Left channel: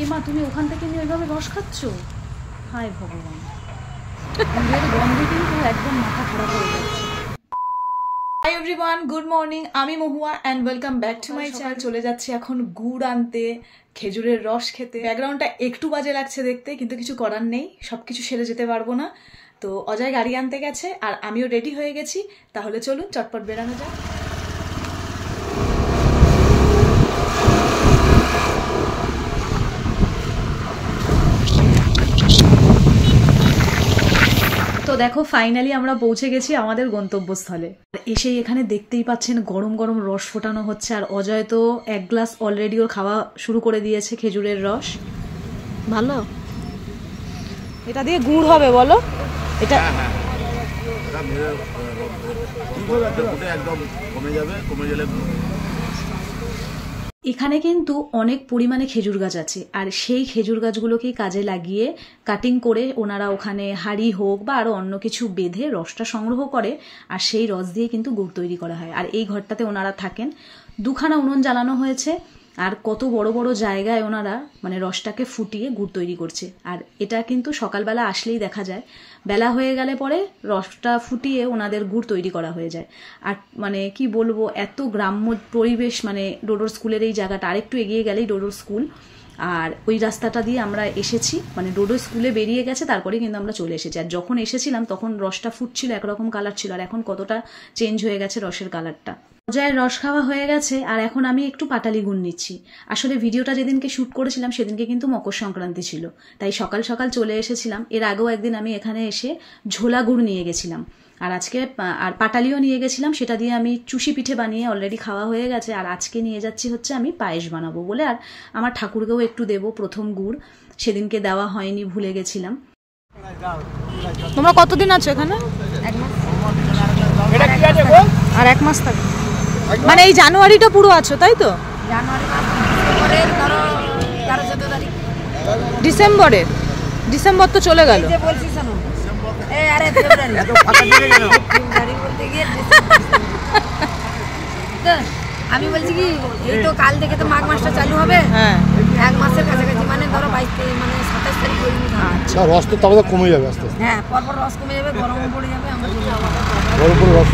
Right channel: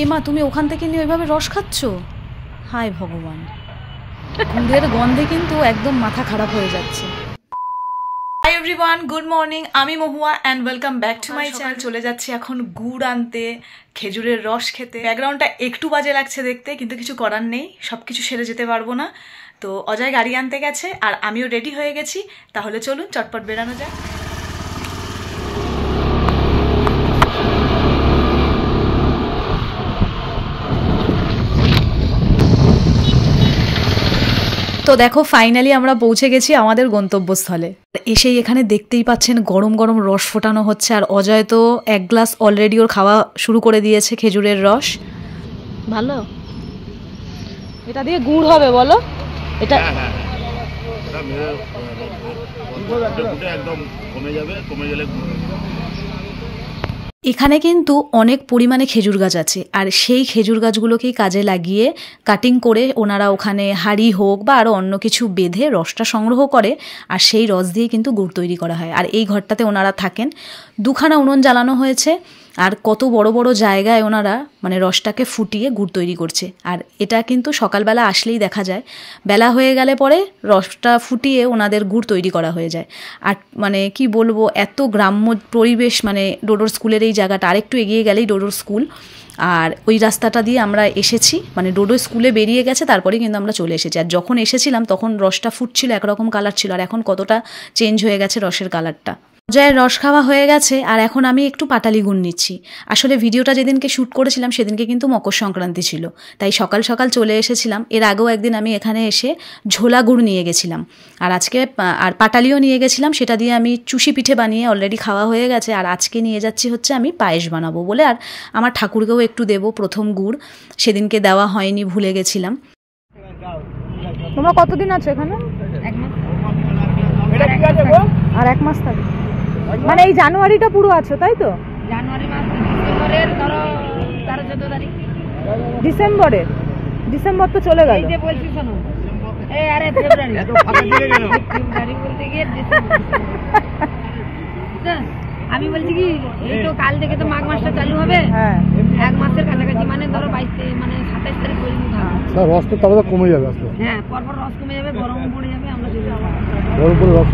এ মা, তুমি ওখান থেকে নিয়ে ওইভাবে রস খাচ্ছ? হায় ভগবান, দুধের গন্ধে কিন্তু একদম মাথা খারাপ হয়ে যাচ্ছে। Hi everyone, good morning. আমি Mahua and welcome back to my channel. চলে যাচ্ছি এখন গুড় আনতে, খেজুরের রস খেতে। ব্যাকগ্রাউন্ডটা একটু বাজে লাগছে দেখতে, কিন্তু কিছু করার নেই, সব কিছু সেরে যেতে পারবো না। তো অজয় গাড়ি আনতে গেছে আর আমিও রেডি হয়ে গেছি। তাহলে চলুন চটপট বেরানো যাক। তো দেখো, ফাইনালি আমরা পৌঁছে গেছি আমাদের গন্তব্যস্থলে। এসেই এখানে দেখতেই পাচ্ছেন গরম গরম রস ফোটানো হচ্ছে, আর অজয় তো এক গ্লাস অলরেডি ওর খাওয়া শুরু করে দিয়েছে খেজুরের রস। ভালো, এটা দিয়ে গুড় হবে বলো? এটা একদম কমে যাবে, কমে গেলে এখানে কিন্তু অনেক পরিমাণে খেজুর গাছ আছে, আর সেই খেজুর গাছগুলোকেই কাজে লাগিয়ে কাটিং করে ওনারা ওখানে হাঁড়ি হোক বা আরও অন্য কিছু বেঁধে রসটা সংগ্রহ করে, আর সেই রস দিয়ে কিন্তু গুড় তৈরি করা হয়। আর এই ঘরটাতে ওনারা থাকেন। দুখানা উনুন জ্বালানো হয়েছে, আর কত বড় বড় জায়গায় ওনারা মানে রসটাকে ফুটিয়ে গুড় তৈরি করছে। আর এটা কিন্তু সকালবেলা আসলেই দেখা যায়, বেলা হয়ে গেলে পরে রসটা ফুটিয়ে ওনাদের গুড় তৈরি করা হয়ে যায়। আর মানে কি বলবো, এত গ্রাম্য পরিবেশ, মানে ডোডোর স্কুলের এই জায়গাটা, আরেকটু এগিয়ে গেলেই ডোডোর স্কুল। আর ওই রাস্তাটা দিয়ে আমরা এসেছি, মানে ডোডো স্কুলে বেরিয়ে গেছে তারপরে কিন্তু আমরা চলে এসেছি। আর যখন এসেছিলাম তখন রসটা ফুটছিল, একরকম কালার ছিল, আর এখন কতটা চেঞ্জ হয়ে গেছে রসের কালারটা। অজয়ের রস খাওয়া হয়ে গেছে, আর এখন আমি একটু পাটালি গুড় নিচ্ছি। আসলে ভিডিওটা যেদিনকে শ্যুট করেছিলাম সেদিনকে কিন্তু মকর সংক্রান্তি ছিল, তাই সকাল সকাল চলে এসেছিলাম। এর আগেও একদিন আমি এখানে এসে ঝোলা গুড় নিয়ে গেছিলাম, আর আজকে আর পাটালিও নিয়ে গেছিলাম। সেটা দিয়ে আমি চুষি পিঠে বানিয়ে অলরেডি খাওয়া হয়ে গেছে। আর আজকে নিয়ে যাচ্ছি হচ্ছে আমি পায়েস বানাবো বলে, আর আমার ঠাকুরকেও একটু দেবো প্রথম গুড়, সেদিনকে দেওয়া হয়নি, ভুলে গেছিলাম। তোমরা কতদিন আছো এখানে? আর এক মাস থাকবে, মানে এই জানুয়ারিটা পুরো আছো তাই তো? জানুয়ারি মাস, ডিসেম্বরের ধরো 13-14 তারিখ। ডিসেম্বরের? ডিসেম্বর তো চলে গেল। এই যে বলছি শোনো, এই আরে ফেব্রুয়ারি, এত ফাটা দিয়ে গেল ফেব্রুয়ারি বলতে গিয়ে ডিসেম্বর। আমি বলছি কি, এই তো কাল থেকে তো মাঘ মাসটা চালু হবে। হ্যাঁ, এক মাসের কাছাকাছি, মানে ধরো 22 মানে 27 তারিখ পর্যন্ত। আচ্ছা, রস তো তবে কমে যাবে আস্তে আস্তে। হ্যাঁ, পরপর রস কমে যাবে, গরম পড়ে যাবে, আমরা চলে যাবো। গরম করে রস,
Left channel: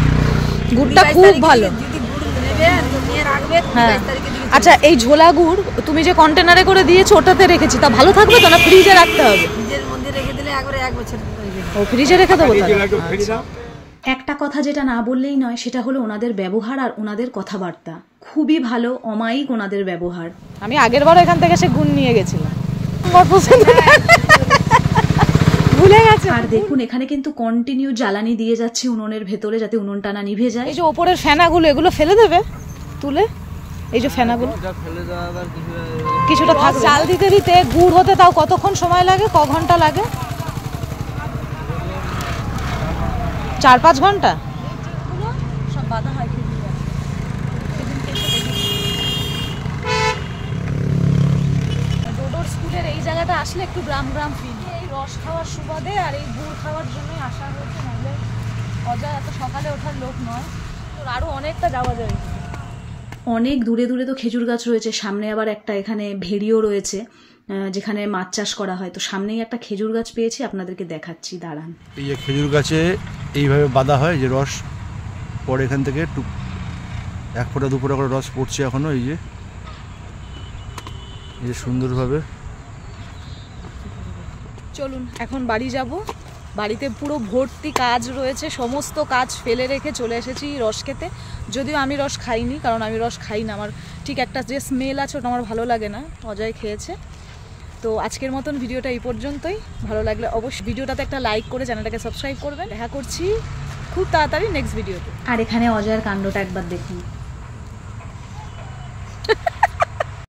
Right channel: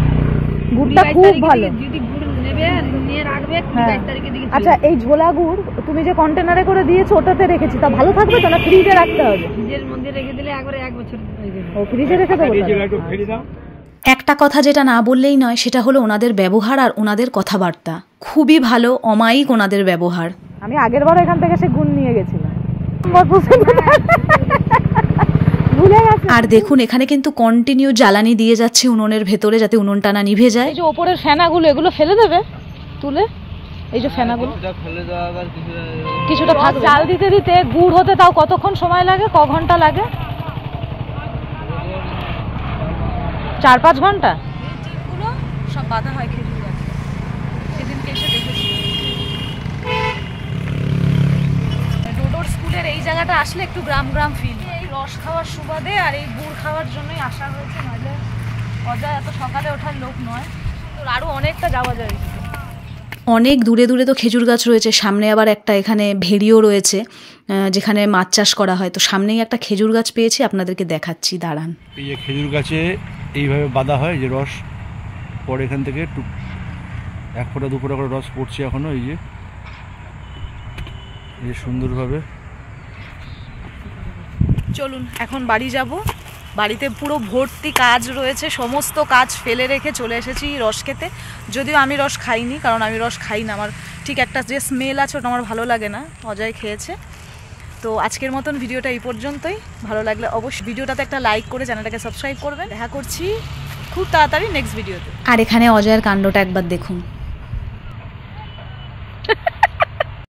গুড়টা খুব ভালো। যদি গুড় নেবে নিয়ে রাখবে 22 তারিখের দিকে। আচ্ছা, এই ঝোলা গুড় তুমি যে কন্টেনারে করে দিয়েছো ওটাতে রেখেছি, তা ভালো থাকবে তো? না ফ্রিজে রাখতে হবে? ফ্রিজের মধ্যে রেখে দিলে একবারে 1 বছর হয়ে যাবে। ও, ফ্রিজে রেখে দেবো তাহলে। একটা কথা যেটা না বললেই নয়, সেটা হলো ওনাদের ব্যবহার আর ওনাদের কথাবার্তা। খুবই ভালো, অমায়িক ওনাদের ব্যবহার। আমি আগের বার এখান থেকে সে গুড় নিয়ে গেছিলাম, ভুলে গেছে। আর দেখুন, এখানে কিন্তু কন্টিনিউ জ্বালানি দিয়ে যাচ্ছে উনুনের ভেতরে, যাতে উনুনটা না নিভে যায়। এই যে ওপরের ফেনাগুলো, এগুলো ফেলে দেবে তুলে, এই যে ফেনাগুলো কিছুটা থাকবে। চাল দিতে দিতে গুড় হতে তাও কতক্ষণ সময় লাগে? ক ঘন্টা লাগে? 4-5 ঘন্টা। সব বাঁধা হয় খেজুর গাছ, সেদিনকে এসে দেখেছি। ডোডোর স্কুলের এই জায়গাটা আসলে একটু গ্রাম গ্রাম ফিল। এই রস খাওয়ার সুবাদে আর এই গুড় খাওয়ার জন্যই আসা হয়েছে, নইলে অজয় এত সকালে ওঠার লোক নয়। তোর আরও অনেকটা যাওয়া যায়। অনেক দূরে দূরে তো খেজুর গাছ রয়েছে, সামনে আবার একটা এখানে ভেড়িও রয়েছে যেখানে মাছ চাষ করা হয়। তো সামনেই একটা খেজুর গাছ পেয়েছি, আপনাদেরকে দেখাচ্ছি, দাঁড়ান। এই যে খেজুর গাছে এইভাবে বাঁধা হয়, যে রস পরে এখান থেকে 1 ফোঁটা 2 ফোঁটা করে রস পড়ছে এখনো। এই যে সুন্দরভাবে। চলুন এখন বাড়ি যাব। বাড়িতে পুরো ভর্তি কাজ রয়েছে, সমস্ত কাজ ফেলে রেখে চলে এসেছি রস খেতে। যদিও আমি রস খাইনি, কারণ আমি রস খাই না, আমার ঠিক একটা যে স্মেল আছে ওটা আমার ভালো লাগে না। অজয় খেয়েছে। তো আজকের মতন ভিডিওটা এই পর্যন্তই। ভালো লাগলে অবশ্যই ভিডিওটাতে একটা লাইক করে চ্যানেলটাকে সাবস্ক্রাইব করবেন। দেখা করছি খুব তাড়াতাড়ি নেক্সট ভিডিওতে। আর এখানে অজয়ের কাণ্ডটা একবার দেখুন।